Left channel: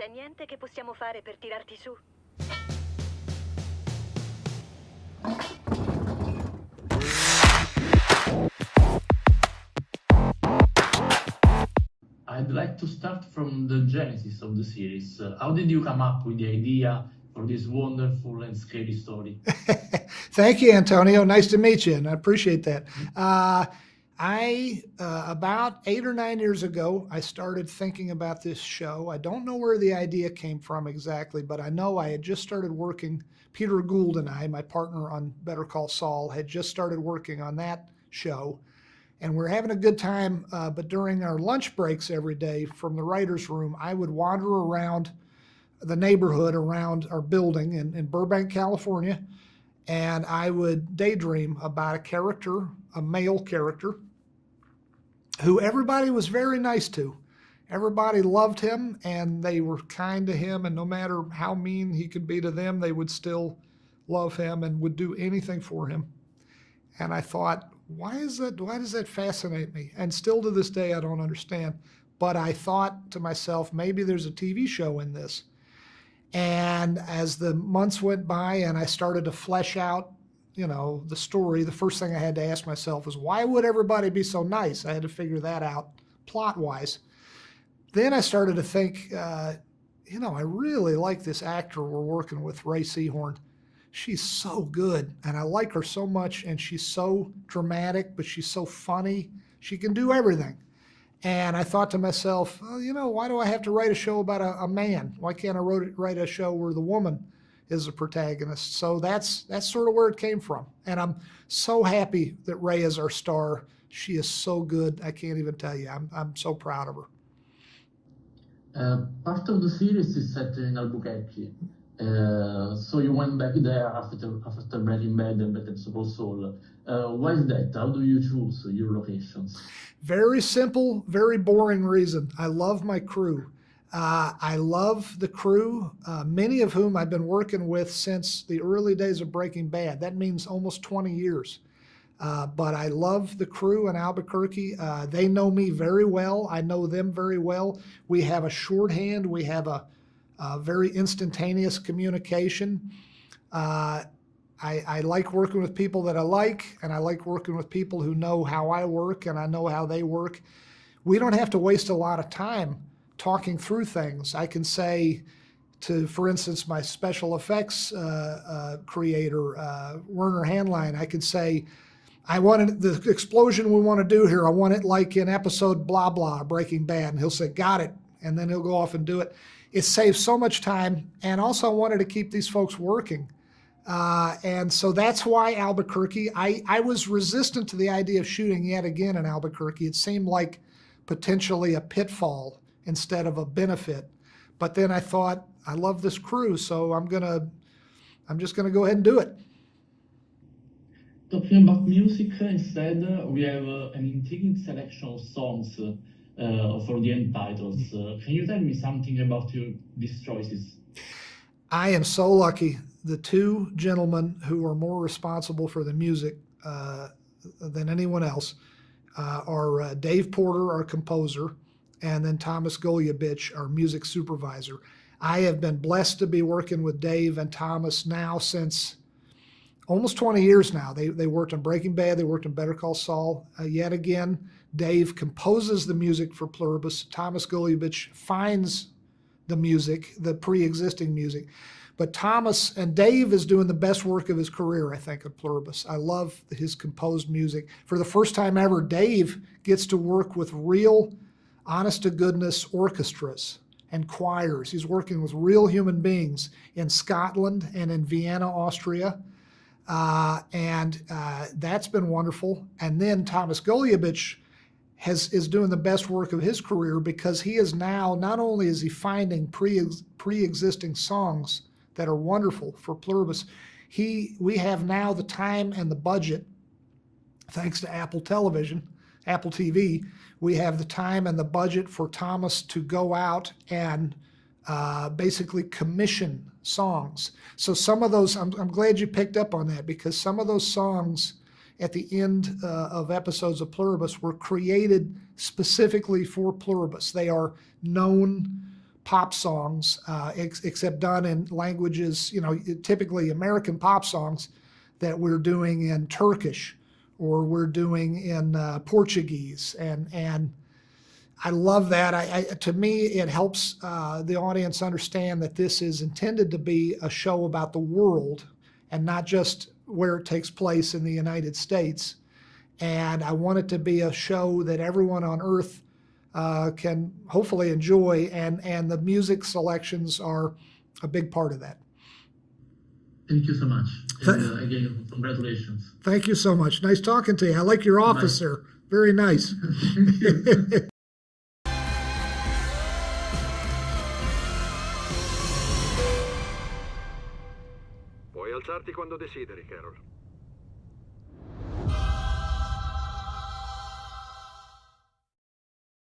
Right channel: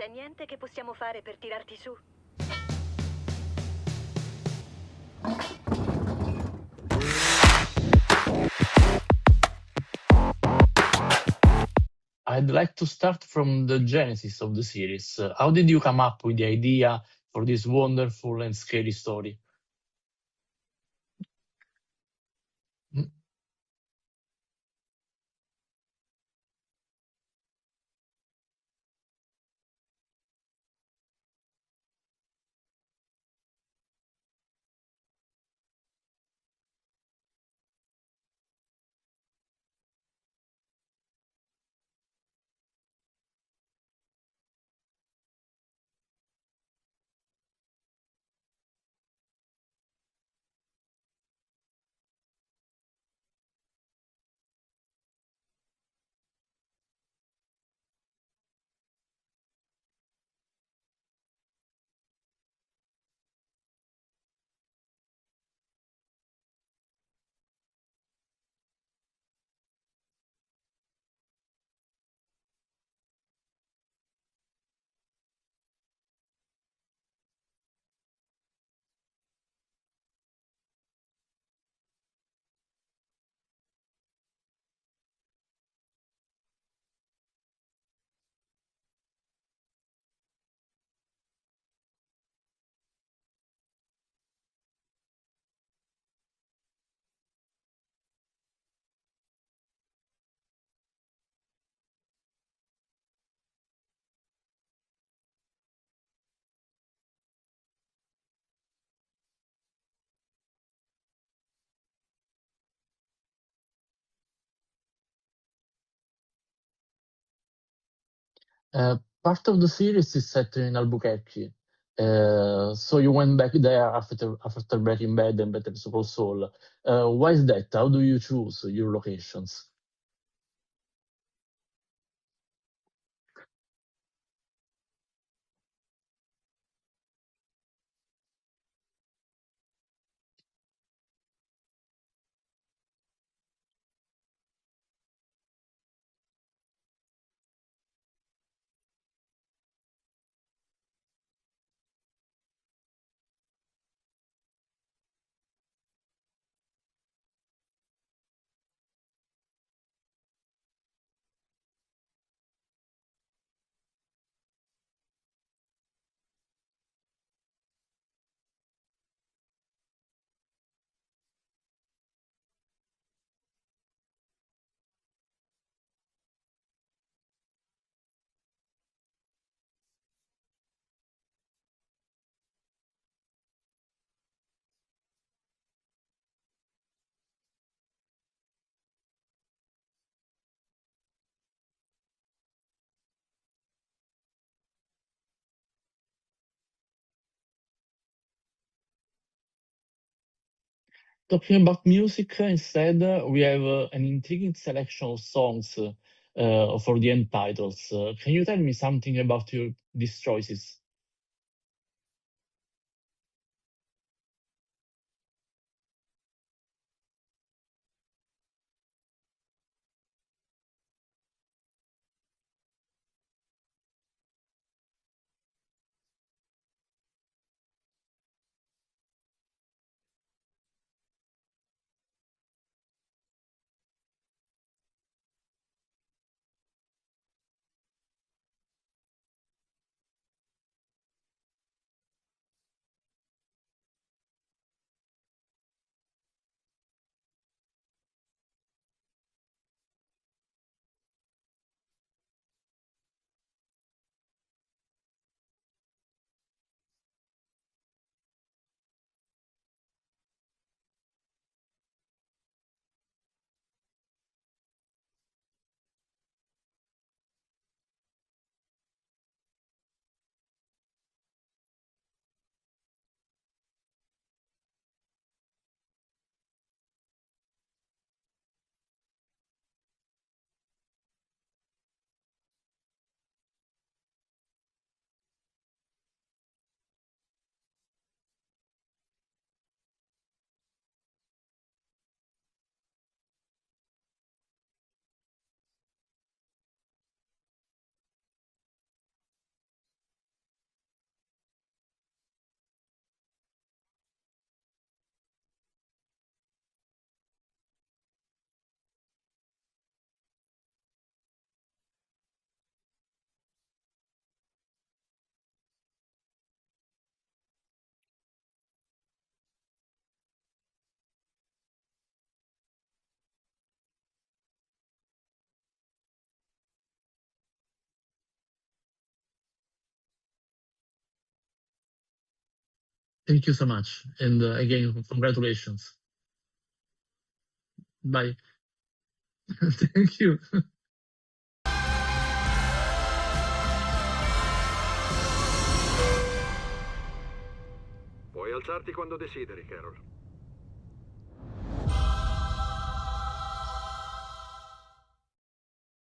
C'è niente che possiamo fare per tirarti su? I'd like to start from the genesis of the series. How did you come up with the idea for this wonderful and scary story? Thank you, Antonio. Nice to meet you, and I appreciate that. About 8 or 9 years ago, I started thinking about this show. I don't know where the idea came from exactly, but I know I had just started working. Peter Gould and I, my partner on Better Call Saul, had just started working on that show. And we're having a good time, but during our lunch breaks every day from the writer's room, I would wander around the neighborhood around our building in Burbank, California, and I would daydream about a character, a male character, who everybody was very nice to. Everybody loved him, and they were kind to him, and no matter how mean he could be to them, they would still love him and would do anything for him. And I thought, why does that fascinate me? And still to this day, I don't understand. But I thought to myself, maybe there's a TV show in this. And as the months went by and I started to flesh out, the story, the first thing I had to ask myself was, why would everybody be so nice? I had to figure that out plot-wise. Then I started to think, I really like this actor we're working with, Rhea Seehorn. She's so good, and I like her so much, and she's so dramatic, but she's so funny. She can do everything. And I thought to myself, why do I have to write a show about a man? Why can't I write a show where the woman is the protagonist? So that's sort of where it came from. And I'm so happy that Rhea is our star. She is so good. I can't even tell you. I'm so proud of her. Part of the series is set in Albuquerque. So you went back there after Breaking Bad and Better Call Saul. Why is that? How do you choose your locations? Very simple, very boring reason. I love my crew. I love the crew, many of whom I've been working with since the early days of Breaking Bad. That means almost 20 years. But I love the crew in Albuquerque. They know me very well. I know them very well. We have a shorthand. We have a very instantaneous communication. I like working with people that I like, and I like working with people who know how I work and I know how they work. We don't have to waste a lot of time talking through things. I can say to, for instance, my special effects creator, Werner Handline, I could say, I wanted the explosion we want to do here. I want it like in episode blah, blah, Breaking Bad. And he'll say, got it. And then he'll go off and do it. It saves so much time. And also I wanted to keep these folks working. And so that's why Albuquerque. I was resistant to the idea of shooting yet again in Albuquerque. It seemed like potentially a pitfall instead of a benefit. But then I thought, I love this crew, so I'm just gonna go ahead and do it. Talking about music instead, we have an intriguing selection of songs for the end titles. Can you tell me something about these choices? I am so lucky. The two gentlemen who are more responsible for the music than anyone else are Dave Porter, our composer, and then Thomas Golubic, our music supervisor. I have been blessed to be working with Dave and Thomas now since almost 20 years now. They worked on Breaking Bad, they worked on Better Call Saul. Yet again, Dave composes the music for Pluribus. Thomas Golubic finds the music, the pre-existing music. But Thomas and Dave is doing the best work of his career, I think, at Pluribus. I love his composed music. For the first time ever, Dave gets to work with real, honest-to-goodness orchestras and choirs. He's working with real human beings in Scotland and in Vienna, Austria. And that's been wonderful. And then Thomas Golubic is doing the best work of his career because he is now, not only is he finding pre-existing songs that are wonderful for Pluribus, we have now the time and the budget, thanks to Apple Television, Apple TV, we have the time and the budget for Thomas to go out and basically commission songs. So some of those, I'm glad you picked up on that, because some of those songs at the end of episodes of Pluribus were created specifically for Pluribus. They are known pop songs, except done in languages, typically American pop songs that we're doing in Turkish or we're doing in Portuguese. And I love that. To me, it helps the audience understand that this is intended to be a show about the world and not just where it takes place in the United States. And I want it to be a show that everyone on Earth can hopefully enjoy, and the music selections are a big part of that. Thank you so much. And again, congratulations. Thank you so much. Nice talking to you. I like your office, sir. Very nice. Thank you. Puoi alzarti quando desideri, Carol.